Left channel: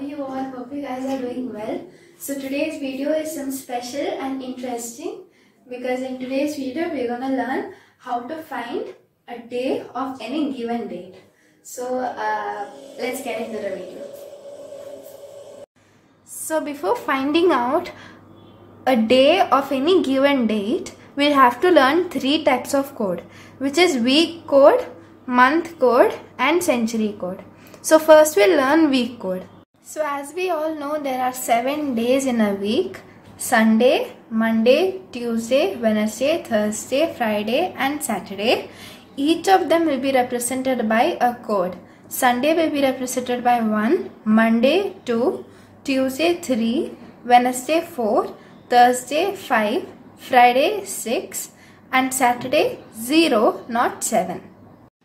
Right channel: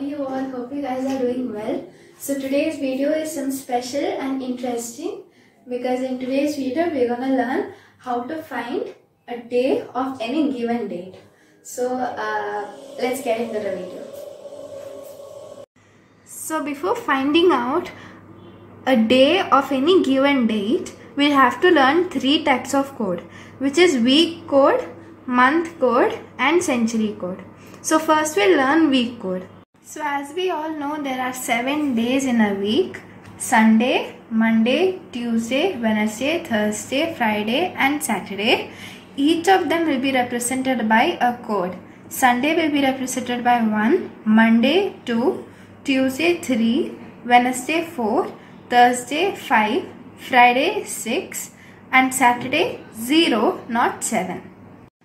are you all? Hope you guys are doing well. So today's video is some special and interesting because in today's video we're gonna learn how to find a day of any given date. So let's get into the video. So before finding out a day of any given date, we'll have to learn three types of code, which is week code, month code and century code. So first we'll learn week code. So as we all know, there are 7 days in a week: Sunday, Monday, Tuesday, Wednesday, Thursday, Friday and Saturday. Each of them will be represented by a code. Sunday will be represented by 1, Monday 2, Tuesday 3, Wednesday 4, Thursday 5, Friday 6 and Saturday 0, not 7.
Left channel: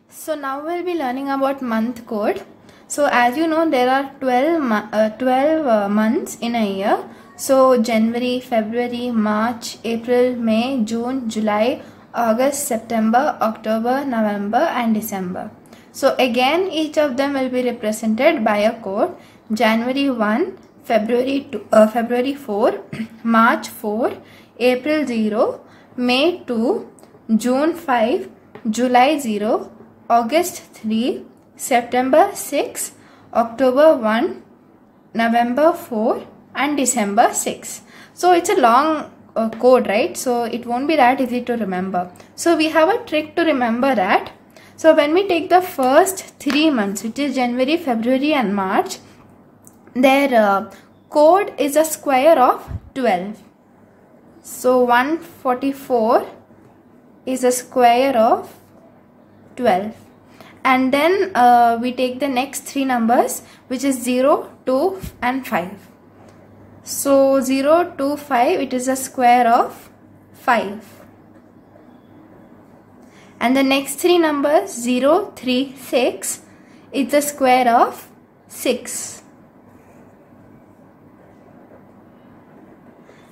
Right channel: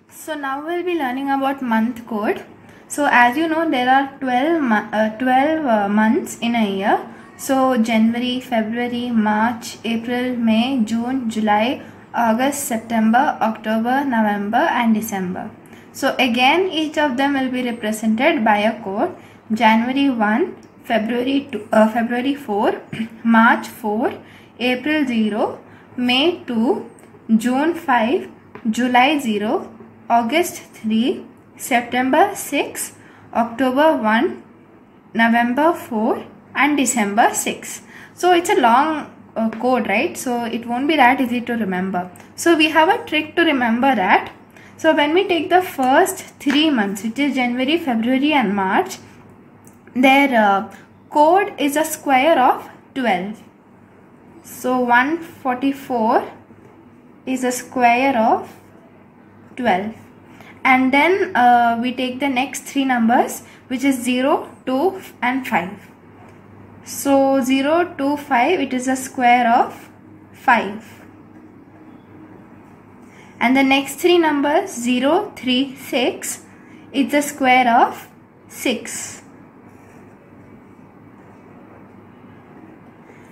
So now we'll be learning about month code. So as you know, there are 12 months in a year. So January, February, March, April, May, June, July, August, September, October, November and December. So again, each of them will be represented by a code. January 1, February 4, March 4, April 0, May 2, June 5, July 0, August 3, September 6, October 1, November 4 and December 6. So it's a long code, right? So it won't be that easy to remember. So we have a trick to remember that. So when we take the first 3 months, which is January, February and March, their code is a square of 12. So 144 is a square of 12. And then we take the next 3 numbers, which is 0, 2 and 5. So 0, 2, 5, it is a square of 5. And the next 3 numbers, 0, 3, 6, it's a square of 6.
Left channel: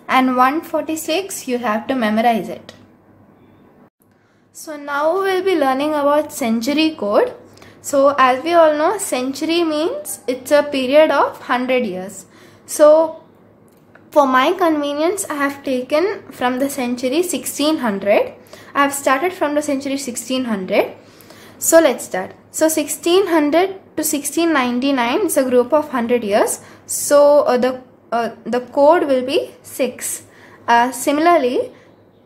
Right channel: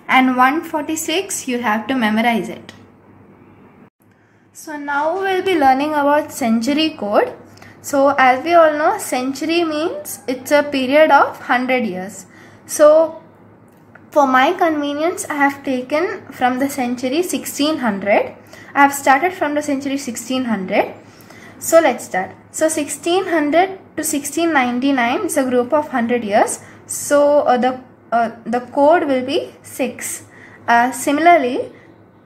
And 146, you have to memorize it. So now we'll be learning about century code. So as we all know, century means it's a period of 100 years. So for my convenience, I have taken from the century 1600. I have started from the century 1600. So let's start. So 1600 to 1699 is a group of 100 years. So the code will be 6. Similarly,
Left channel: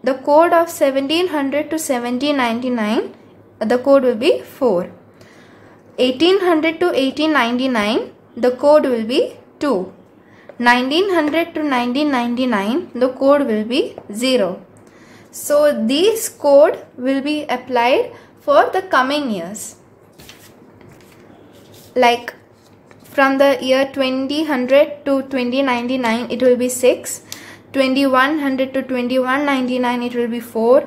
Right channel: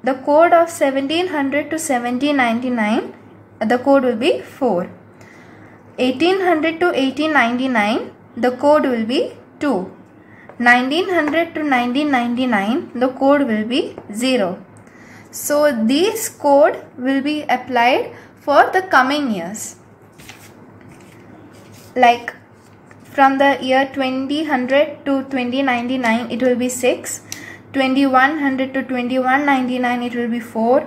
the code of 1700 to 1799, the code will be 4. 1800 to 1899, the code will be 2. 1900 to 1999, the code will be 0. So these code will be applied for the coming years. Like from the year 2000 to 2099, it will be 6. 2100 to 2199, it will be 4.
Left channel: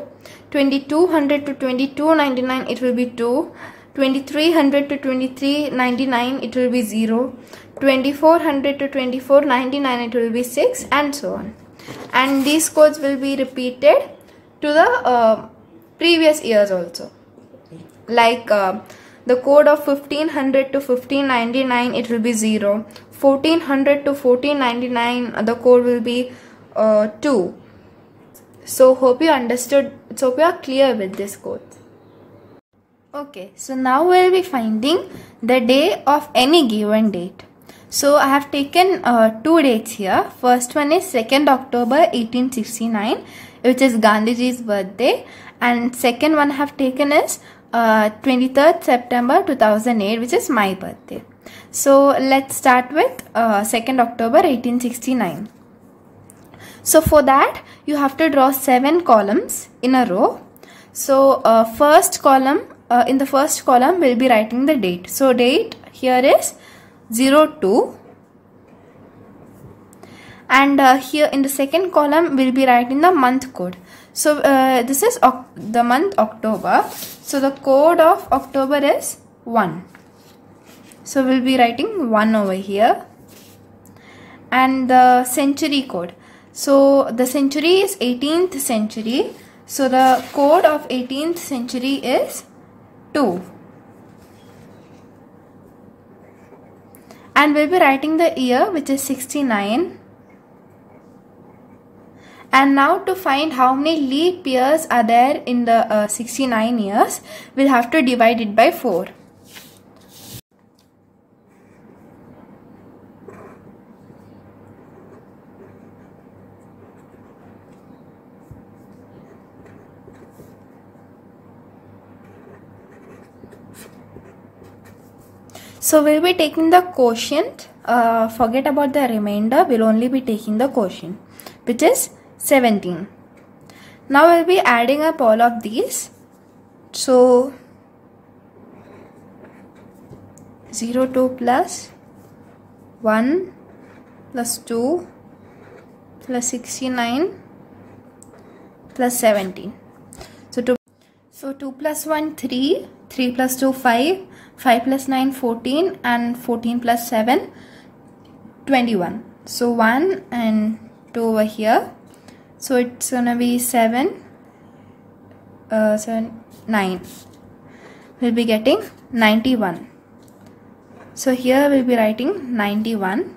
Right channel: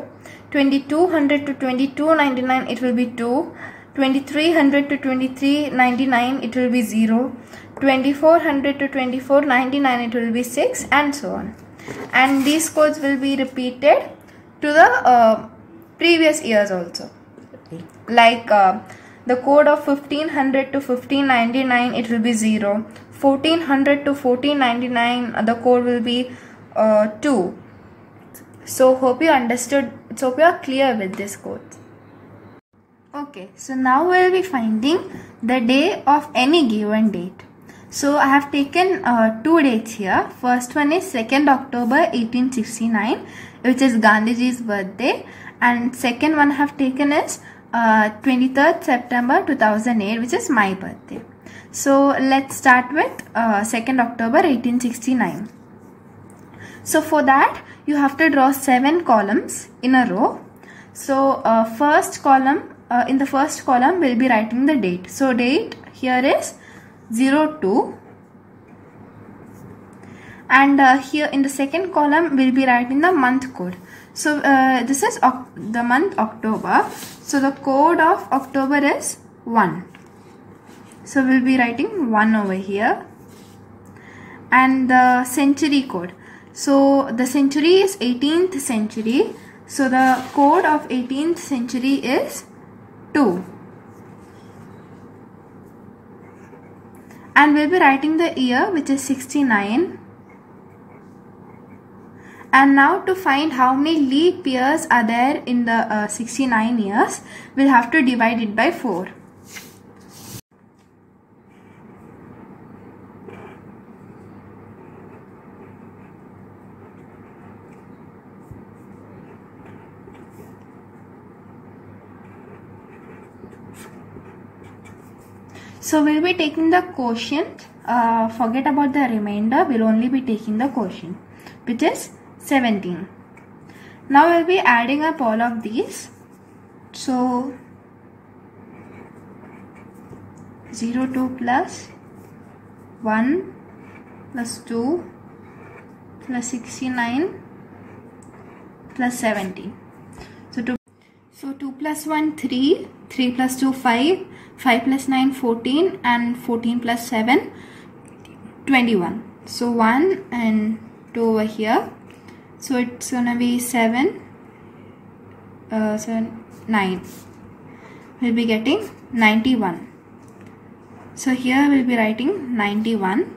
2200 to 2299, it will be 2. 2300 to 2399, it will be 0. 2400 to 2499, it will be 6 and so on. And these codes will be repeated to the previous years also. Like the code of 1500 to 1599, it will be 0. 1400 to 1499, the code will be 2. So hope you understood. So hope you are clear with this code. Okay, so now we will be finding the day of any given date. So I have taken 2 dates here. First one is 2nd October 1869, which is Gandhiji's birthday, and second one I have taken is 23rd September 2008, which is my birthday. So let's start with 2nd October 1869. So for that, you have to draw 7 columns in a row. So first column, in the first column we'll be writing the date. So date here is 02, and here in the second column we'll be writing the month code. So this is the month October. So the code of October is 1. So we'll be writing 1 over here. And the century code. So the century is 18th century. So the code of 18th century is 2. and we'll be writing the year, which is 69. And now to find how many leap years are there in the 69 years, we'll have to divide it by 4. So we'll be taking the quotient, forget about the remainder, we'll only be taking the quotient, which is 17. Now we'll be adding up all of these. So 02 plus 1 plus 2 plus 69 plus 17. So 2 plus 1 3, 3 plus 2 5, 5 plus 9 14, and 14 plus 7 21. So 1 and 2 over here. So it's gonna be 7, 9. We'll be getting 91. So here we'll be writing 91.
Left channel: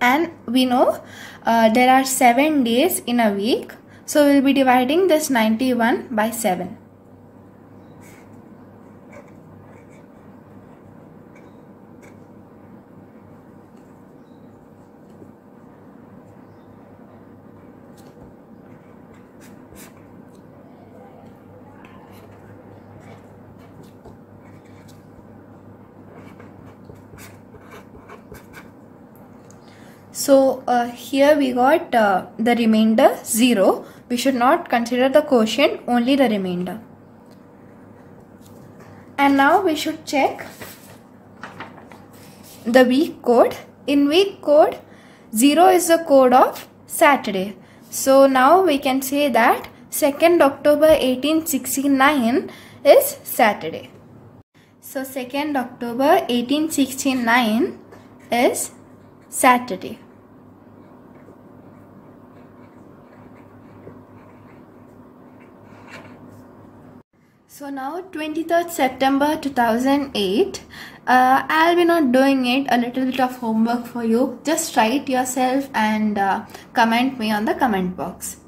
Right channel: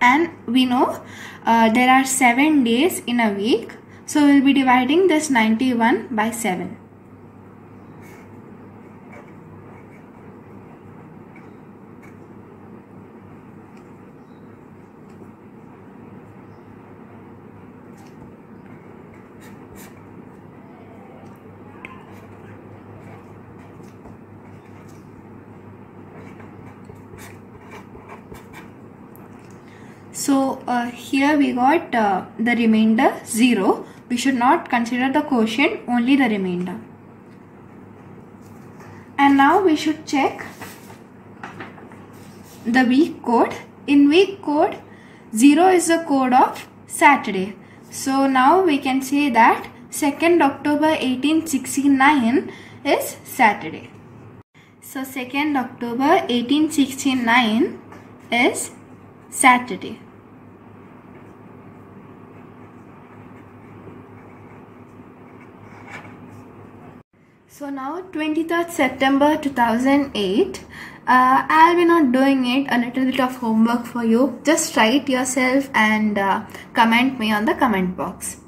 And we know there are 7 days in a week. So we'll be dividing this 91 by 7. So here we got the remainder 0. We should not consider the quotient, only the remainder. And now we should check the week code. In week code, 0 is the code of Saturday. So now we can say that 2nd October 1869 is Saturday. So 2nd October 1869 is Saturday. So now 23rd September 2008, I'll be not doing it, a little bit of homework for you. Just write yourself and comment me on the comment box.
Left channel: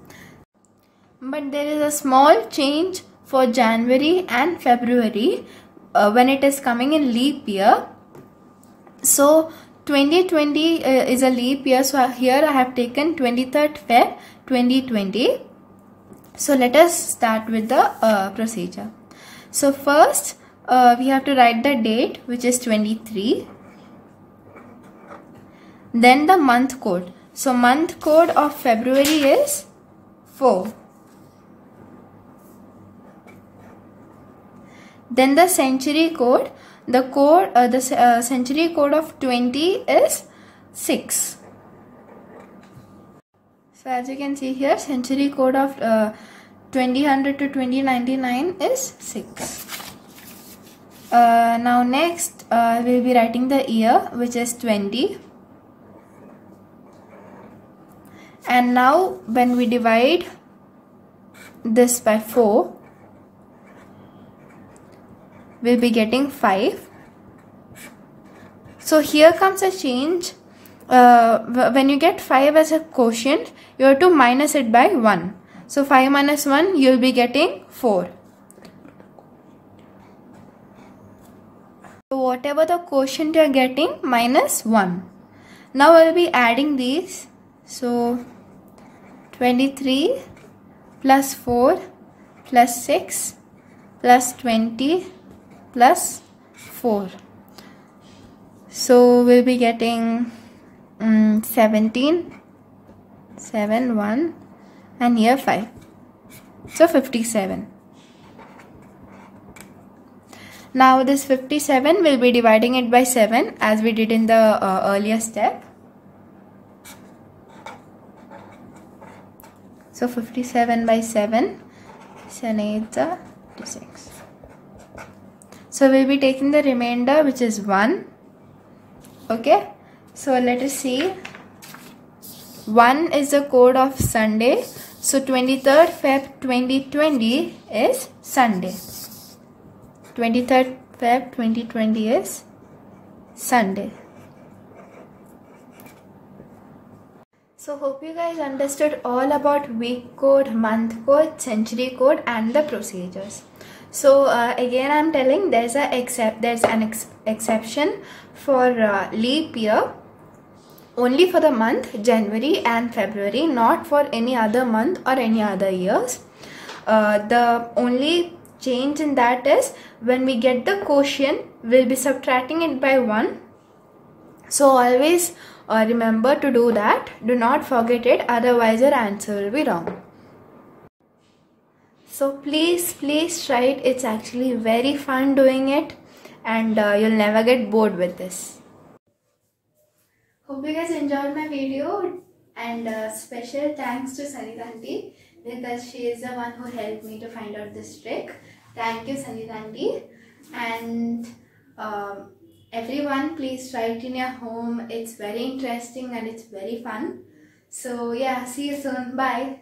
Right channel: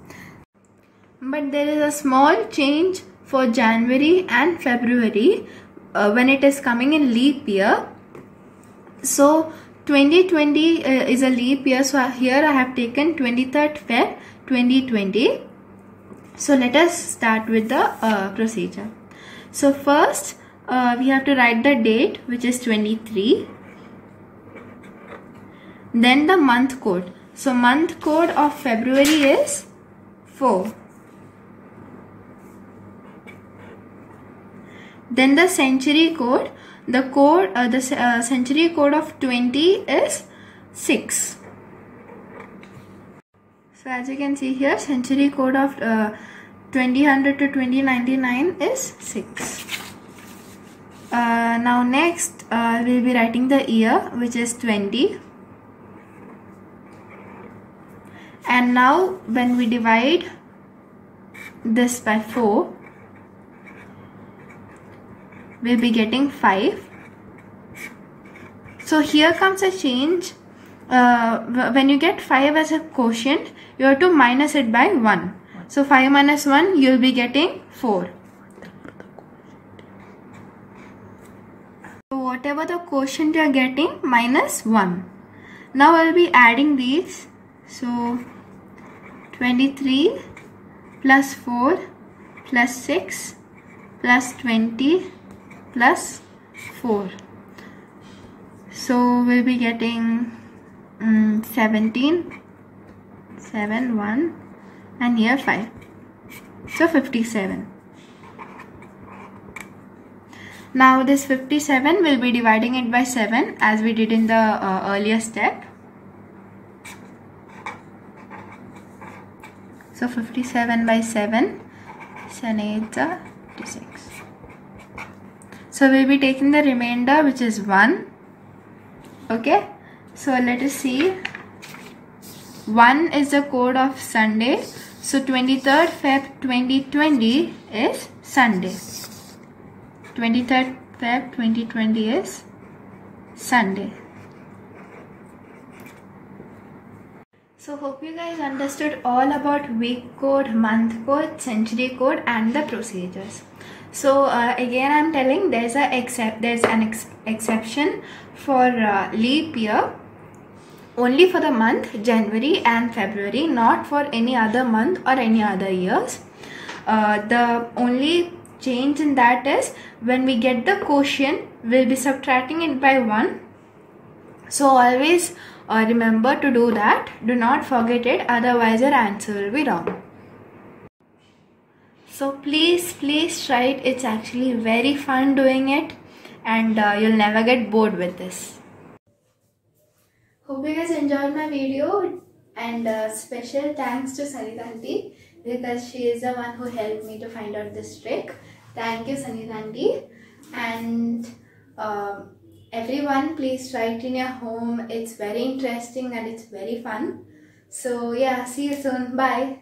But there is a small change for January and February when it is coming in leap year. So 2020 is a leap year, so here I have taken 23rd Feb 2020. So let us start with the procedure. So first we have to write the date, which is 23. Then the month code. So month code of February is 4. Then the century code. The century code of 20 is 6. So as you can see here, century code of 2000 to 2099 is 6. Now next we'll be writing the year, which is 20. And now when we divide this by 4, we'll be getting 5. So here comes a change. When you get 5 as a quotient, you have to minus it by 1. So 5 minus 1, you'll be getting 4. So whatever the quotient you are getting, minus 1. Now I will be adding these. So 23 plus 4 plus 6 plus 20 plus 4. So we'll be getting 17, 7, 1, and here 5. So 57. Now this 57 will be dividing it by 7 as we did in the earlier step. So 57 by 7, 7 8 are 56. So we'll be taking the remainder, which is 1. Okay, so let us see. 1 is the code of Sunday. So 23rd Feb 2020 is Sunday. 23rd Feb 2020 is Sunday. So hope you guys understood all about week code, month code, century code and the procedures. So again I'm telling there's an exception for leap year only for the month January and February, not for any other month or any other years. The only change in that is when we get the quotient, we'll be subtracting it by 1. So always remember to do that. Do not forget it, otherwise your answer will be wrong. So please try it. It's actually very fun doing it, and you'll never get bored with this. Hope you guys enjoyed my video, and special thanks to Sangeeta aunty because she is the one who helped me to find out this trick. Thank you, Sangeeta aunty. And everyone, please try it in your home. It's very interesting and it's very fun. So yeah, see you soon. Bye.